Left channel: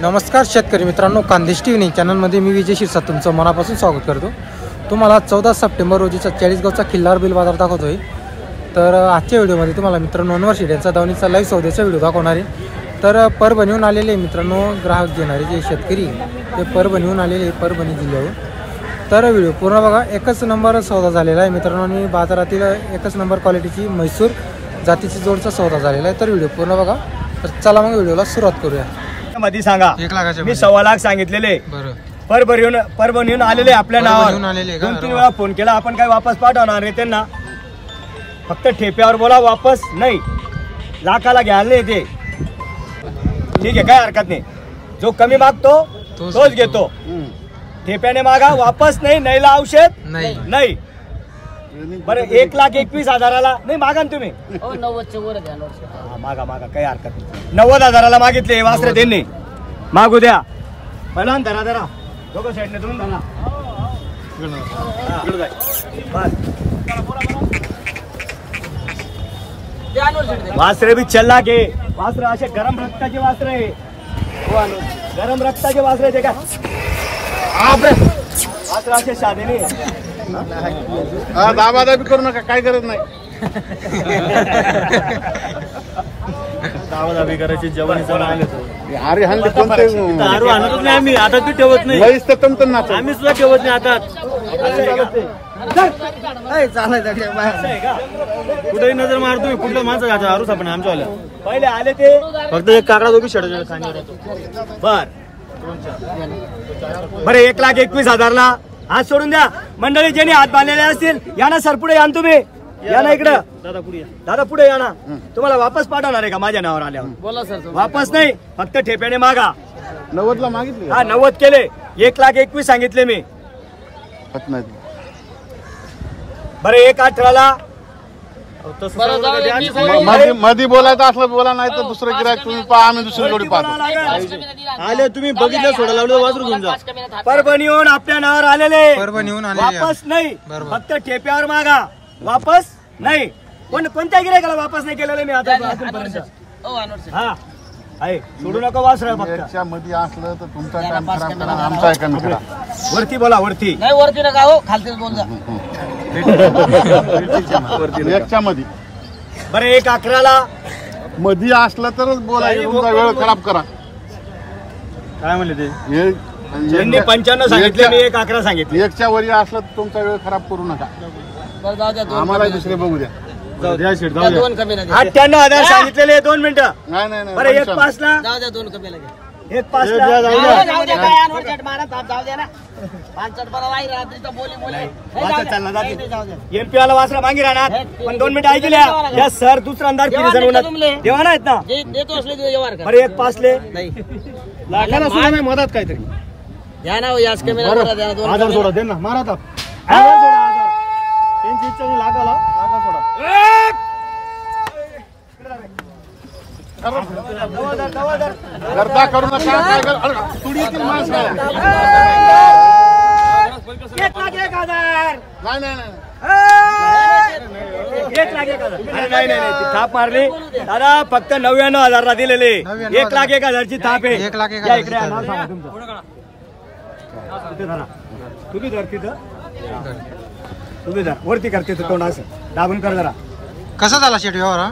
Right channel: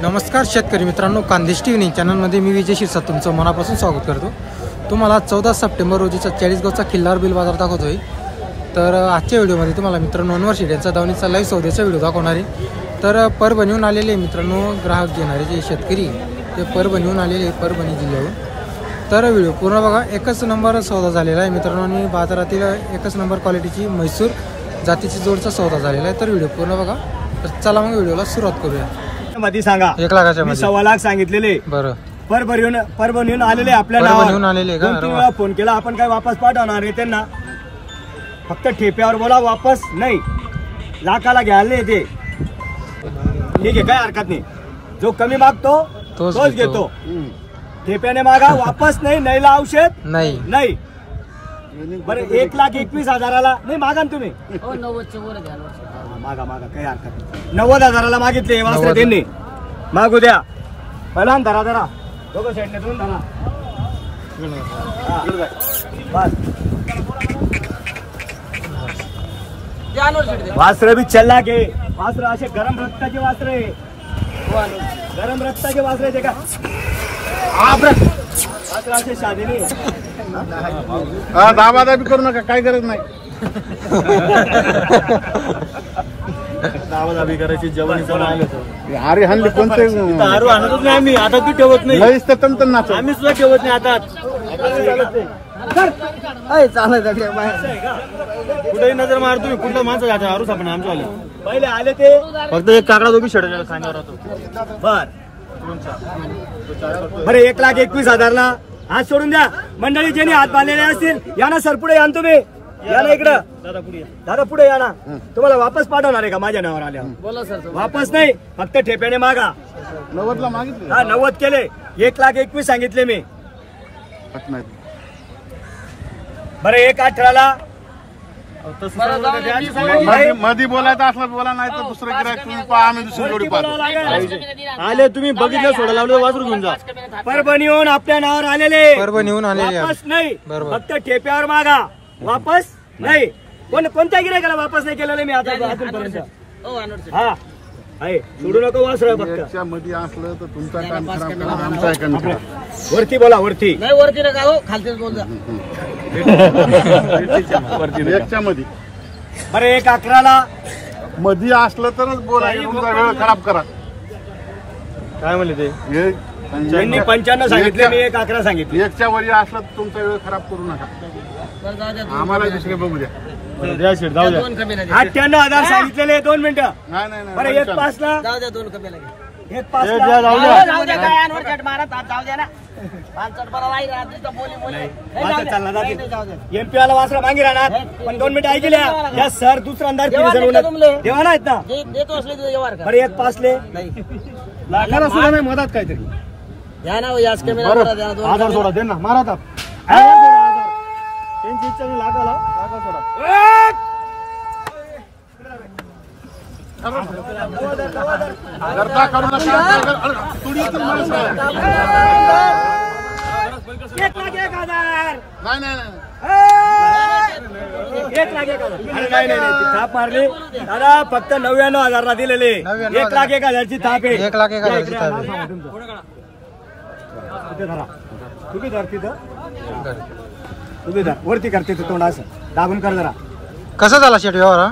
नमस्कार शेतकरी मित्रांनो, खानदेश टीव्ही चॅनलमध्ये मी विजय शिरसाट तुमचं मनापासून स्वागत करतो। तुम्हाला 14 सप्टेंबर रोजीचा 40 गावचा खिल्लार बिल बाजार दाखवतोय। तर आजच्या व्हिडिओमध्ये तुम्हाला मित्रांनो अनवर शेड्यांचा दावणीचा लाईव्ह सौद्याचा व्हिडिओ दाखवणार आहे। तर परभणीहून आलेले मित्रांनो ग्राहक घेणारे जे शेतकरी ते परभणीहून आलेले परभणी जिल्ह्याहून। तर व्हिडिओ पूर्ण बघा। एकच नंबर सौदा झालेला आहे मित्रांनो आणि बाजारातील एकच नंबर क्वालिटीची म्हैसूर जातीची जोडचा सौदा झालेला आहे। तर व्हिडिओ पूर्ण बघा। तर चला मग व्हिडिओला सुरुवात करूया। मध्ये सांगा 1 लाखाच्या मी 1.25 लाख सांगितलेले। बरं, परभणीहून आलेले आपल्या परभणीहून आलेले का? 2-3 वेळा फोन केला आपण काय वापस पाठवणार आहे त्यांना? फक्त ठेप्यावर बोला, वापस नाही। लाखाला घ्यायला येते ठीक आहे, काय हरकत नाही। जो कमी मागतो तोच घेतो। ठेप्याने मागा, वापस नाही, नाहीला औषध नाही। बरं 1,21,000 नाही मागा ना तुम्ही? 90च्या वर द्या। मागा काही हरकत नाही। 90,000 मागितले वासरे त्यांनी, मागू द्या। पहिला धरा दोघं साईडने तुम्ही धरा। वासरे बी चल्ला घे। वासरे असे गरम रक्ताचे वासरे, गरम रक्ताचे वासरे ते का वासरे असे साधे नाही। दाबादाबी करू नका, काय गरज नाही। दाबादाबी करायची जवानीचा माल येतो। अरे हल्ली कोणते दारू आणतच नाही आम्ही, आता तू ठेवत नाही। आम्ही सुद्धा ठेवत नाही आता। कुठेही नजर मार तुम्ही, कुठलं माणसं जातो दारू सापडणे आमच्या आल्या। पहिले आले ते फक्त एक काकडा दोघी शेड सांगणार बरं 1,21,000 हात सोडून द्या। मंडळी ज्यांनी हात बांधलेले असतील या ना सर, पुढे या ना तुम्ही, या ना इकडं दादा पुढे या ना। तुम्हाला वापस पाठवणार आहे का माझ्या नावावर आल्यावर? बोला सर। वापस नाही, फक्त ठेप्याने मागा। 90ला मागितले, हा 90 केले, 1,21,000 सांगितले मी। बरं 1,18,000 मध्ये बोलायचं असलं बोला, नाही तर दुसरं गिरायक तुम्ही पहा, आम्ही दुसरीकडे पाहतो। आले तुम्ही बघितलं, सोडा लावलं वासरू घेऊन जा। परभणीहून आपल्या नावावर आलेले, परभणीहून आलेले वापस नाही, फक्त ठेप्यावर मागा, वापस नाही। कोणत्या गिरायकाला वापस नाही केलेलं मी आता अजूनपर्यंत। हा आहे, सोडू नका वासरू फक्त। मध्ये असलं तर तुमचा आमचा वरती बोला, वरती नाही, वरती नका हो, खालतीच बोल जा। एकच्या मध्ये। बरं 1,11,000 मध्ये असलं तरच बोला, तुमचा वेळ खराब करा। काय म्हणले ते? त्यांनी 95 सांगितले, मी 1,11,000 सांगितले। एकच्या वरी असलं तर तुमचा वेळ खराब करू नका, बरं जाऊ द्या, आम्हाला दुसरे बघू द्या। 2 कमी नाही। 98,000 सांगितलेले, 2 मिनिटं। नाही बरं 1,05,000 जाऊ द्या, 2 कमी लागेल। 1,05,000 जाऊ द्या, काय अनवर चट मारत आप, जाऊ द्या ना। 5 चट बरं वाई रात्रीचा बोली वासर चालला जाते। एमपी वाला वासरा मागे राहणार, पण 2 मिनिटं ऐकल्या या सर दुसरा अंदाज देवा आहेत ना, देतो असले व्यवहार कर। बरं 1,05,000 नाही लाखाला सुद्धा नाही, मदत काहीतरी द्या ना, याच कमी नाही करा, द्या ना। 2 1000 सोडा, दे ना, मारा आता। त्यांची इच्छा नाही, लागा सोडा। करता करू नका, 1,01,000 नाही 1,01,000 अरे नाही थाप मारली दादा, फक्त 99,000 दिलेले। 1,01,000 ची थाप आहे। 1,01,000 तुम्ही धर तिथं, तुम्ही धर वरती करते तोंड असं दाबून कर जरा। कसा झाला शेट व्यवहार?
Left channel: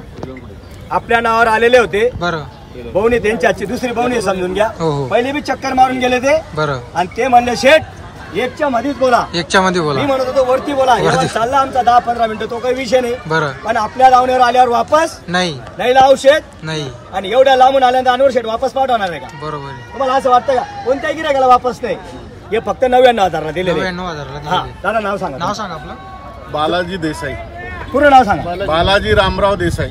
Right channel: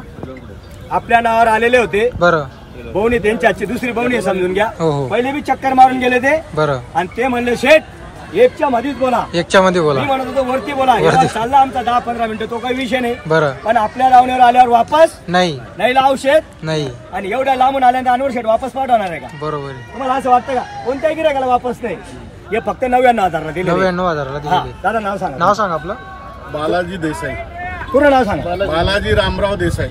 आपल्या नावावर आलेले होते। बरं, बहुणी त्यांची आजची दुसरी बहुणी समजून घ्या। हो. पहिले बी चक्कर मारून गेले ते, बरं, आणि ते म्हणले शेठ 1च्या मध्येच बोला। 1च्या मध्ये बोला। मी म्हणत होतो वरती बोला। चालला आमचा 10-15 मिनिटं, तो काही विषय नाही। बरं, पण आपल्या दावणीवर आल्यावर वापस नाही औषध नाही। आणि एवढ्या लांबून आल्यानंतर अनवर शेठ वापस पाठवणार आहे का? बरोबर आहे। तुम्हाला असं वाटतं का? कोणत्याही गिरायकाला वापस नाही, हे फक्त 99,000 दिले। 99,000 दिले। दादा नाव सांगा, नाव सांगा आपलं। बालाजी देसाई। पूर्ण नाव सांगा। बालाजी रामराव देसाई।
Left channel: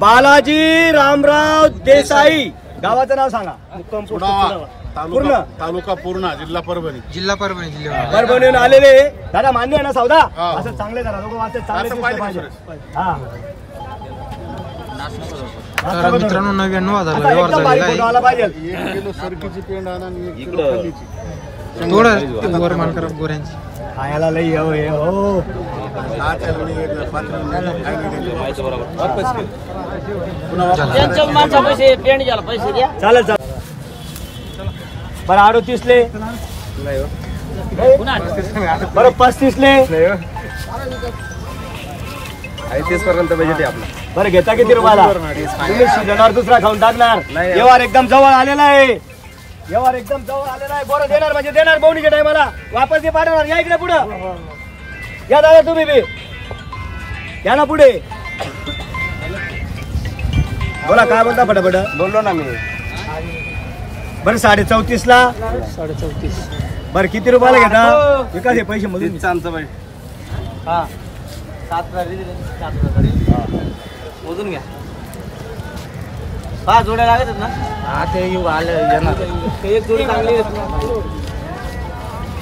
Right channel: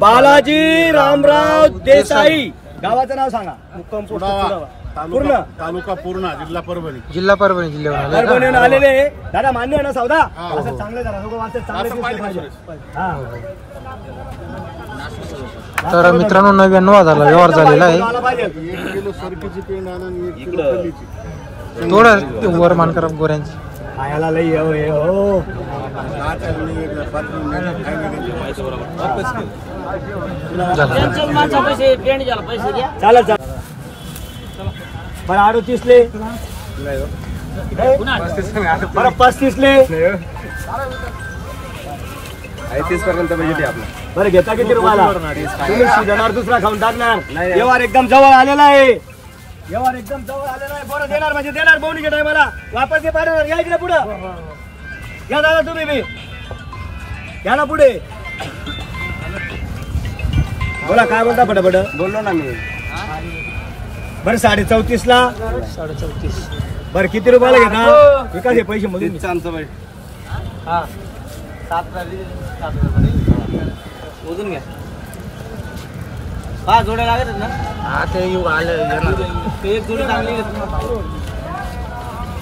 बालाजी रामराव देसाई। गावाचं नाव सांगा। मुक्काम पोस्ट पूर्ण तालुका पूर्णा, जिल्हा परभणी। जिल्ह्यावरून परभणीहून आलेले। दादा मान्य आहे ना सौदा? असं चांगले जरा दोघं वाचत चांगले दिसले पाहिजे। हा तर मित्रांनो 99,000 व्यवहार झालेला आहे। 1 किलो सरकीची पेंड आणा आणि 1 किलो फल्लीची। थोडं वर मान करा गोऱ्यांची। खायला लई हो त्यांच्या माणसा पैसे पेंड घ्यायला पैसे द्या. चालेल चालेल. बरं 38 ले. बरं 35 ले. 30 पर्यंत बजेट आहे आपलं. बरं घेता किती रुपयाला? तुम्ही सीजनवर दुसरा खाऊन टाकणार. व्यवहार एकदम जवळ आलेला आहे. व्यवहार एकदम जवळ आलेला आहे. बरं देणार म्हणजे देणार. बोवणीच्या टायमाला वापस ते पाठवणार. या इकडे पुढं या दादा तुम्ही बी या ना पुढे. बोला काय बोलता फटाफट. बोललो ना मी. बरं 34.5 ला. 34.5. बरं किती रुपयाला घेता? विकास हे पैसे मधून तीसचं आमचं बाई. मोजून घ्या. 5 जोड्या लागत ना. ते येऊ आलं एक जोडी चांगली आहे.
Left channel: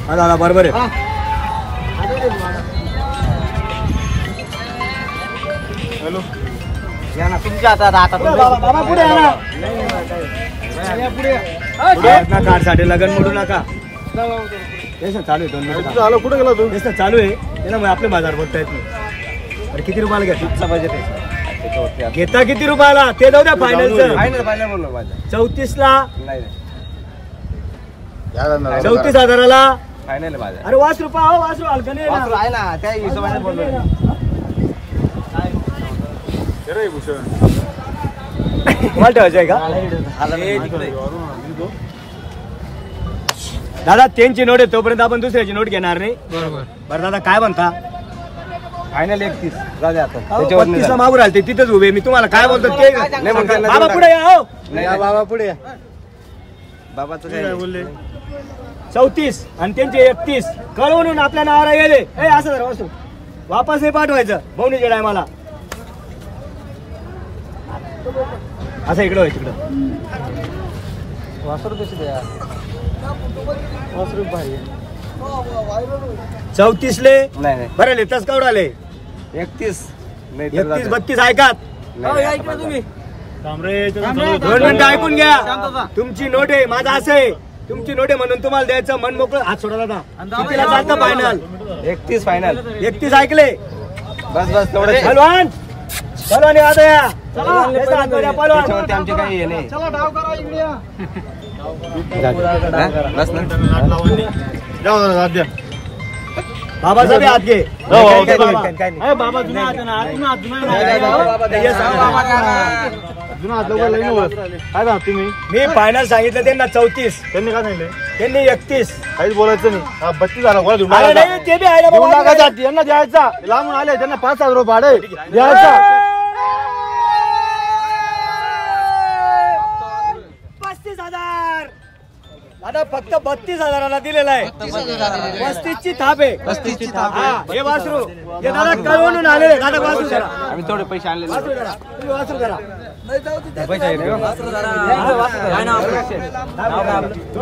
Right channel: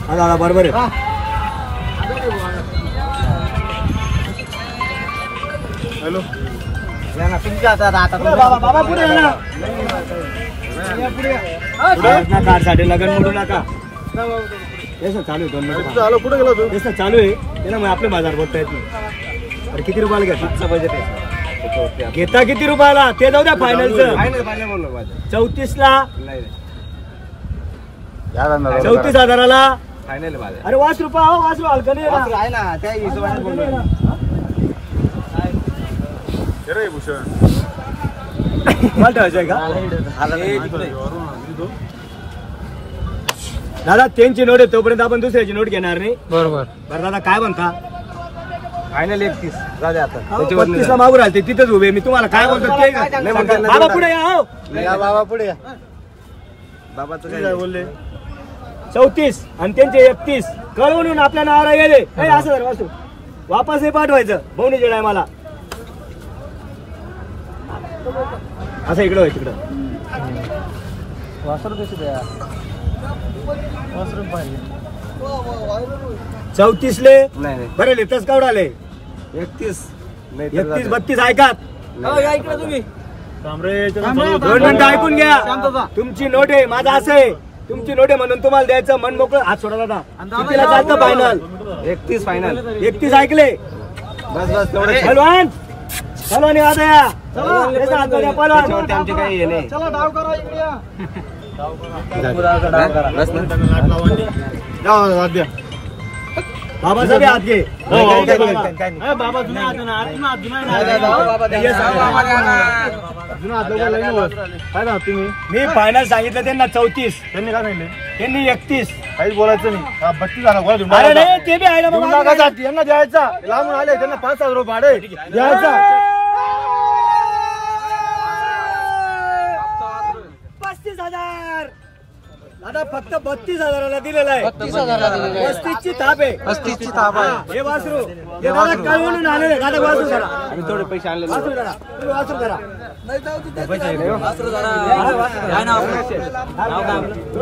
हा दादा बरोबर आहे. हॅलो. या ना तुमच्या हातात. आता बाबा पुढे या ना. कार साठी लगन मोडू नका. तेच चालू आहे 2 मिनिट. कुठे गेला तू? तेच चालू आहे त्याच्यामुळे आपले बाजार बोलता येत नाही. बरं किती रुपयाला घेता? बजेट आहे. घेता किती रुपयाला ते जाऊ द्या फायनलचं. फायनल बोललो माझ्या. 34 ला. नाही 34,000ला. फायनल माझ्या. अरे 5 रुपये हो. 5 रुपये हलकं नाही वासरू ना. आहे ना त्या हिशोबाने बोललो. मला ठेवायचं आहे का दादा? त्यांची नोट आहे तोपर्यंत आपण दुसऱ्याची नोट घेणार नाही. बरोबर. बरं दादा काय म्हणता? फायनल 31 जाऊ दे आता. 35 ला मागू राहिले तिथेच उभे. मी तुम्हाला काय बोलतो ते बाबा पुढे या हो. बाबा पुढे या. बाबाचं काय बोलले? 34 आणि त्यांचे 31 कळवून आपल्या नावाला गेले. असं जरा वासू वापस हे पाठवायचं भवनीच्या टायमाला. असं इकडं व्हायचं तिकडं. 34 ले. नाही बरं लेतच कावडाले 31. 31 32 ऐकात. तुम्ही 2 मिनिटं ऐकून घ्या. तुमची नोट आहे. माझं असं आहे तुमची नोट आहे म्हणून तुम्हाला द्यायचं. मन मोकळं. हात सोडा दादा. कितीला चालतं फायनल? 31 फायनल. 31 ऐकले. बस तेवढं. पहलवान पहलवान आता या. चला हात द्या पहलवान. त्याच्यावरती आमचे काही हे नाही. चला डाव करा इकडे या. बस ना. बाबाचा बी हात घे. बाबा. बाबा जुना हात आहे ना. जुना हात नाही. हे सांगा. जुना हात लोकं लई नव्हत. काय बा तुम्ही? मी फायनल सांगितलं त्यांना 34. त्यांनी काय सांगितलं? त्यांनी 31. काहीच बोलायचं नाही. 32 झाला. अरे नाही ते बी आहे ना बाबा. यांना द्यायचा. लांबून आले त्यांना 5,000 रुपये भाडं द्यायचा. 35,000 दादा फक्त 32,000ला दिलेला आहे. 35ची थाप आहे. 35ची थाप आहे. हा, हे वासरू हे दादा कळवून आलेले. दादा वासरू जरा. आम्ही थोडे पैसे आणले वासरू जरा. तुम्ही वासरू जरा. 2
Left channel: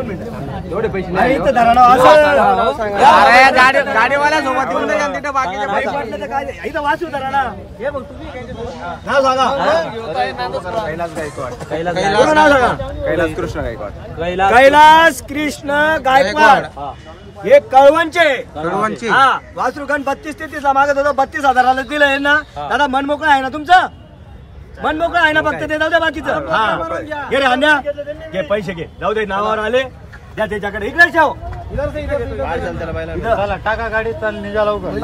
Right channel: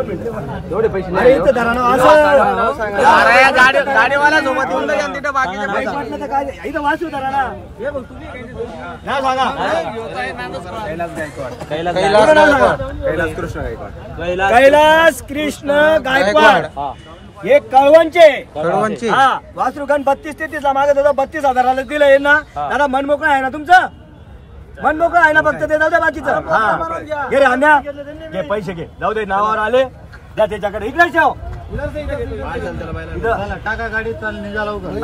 मिनिटं. एवढे पैसे अरे इथं धरा ना असं. बाकीचे नाही पटलं तर काय इथं वासरू धरा ना. हे बघ तुम्ही नाव सांगा. कैलास गायकवाड. पूर्ण नाव सांगा. कैलास कृष्ण गायकवाड. कैलास कृष्ण गायकवाड. हे कळवणचे. कळवणचे. हा वासरू गण 32-33 ला मागत होतो. 32,000ला दिलं ना. दादा मन मोकळं आहे ना तुमचं? मन मोकळं आहे ना? फक्त ते जाऊ द्या बाकीचं. हा घे रे हांद्या घे पैसे घे. जाऊ दे नावावर आले द्या त्याच्याकडे. इकडे ठेव. टाका गाडी तर निघा लवकर.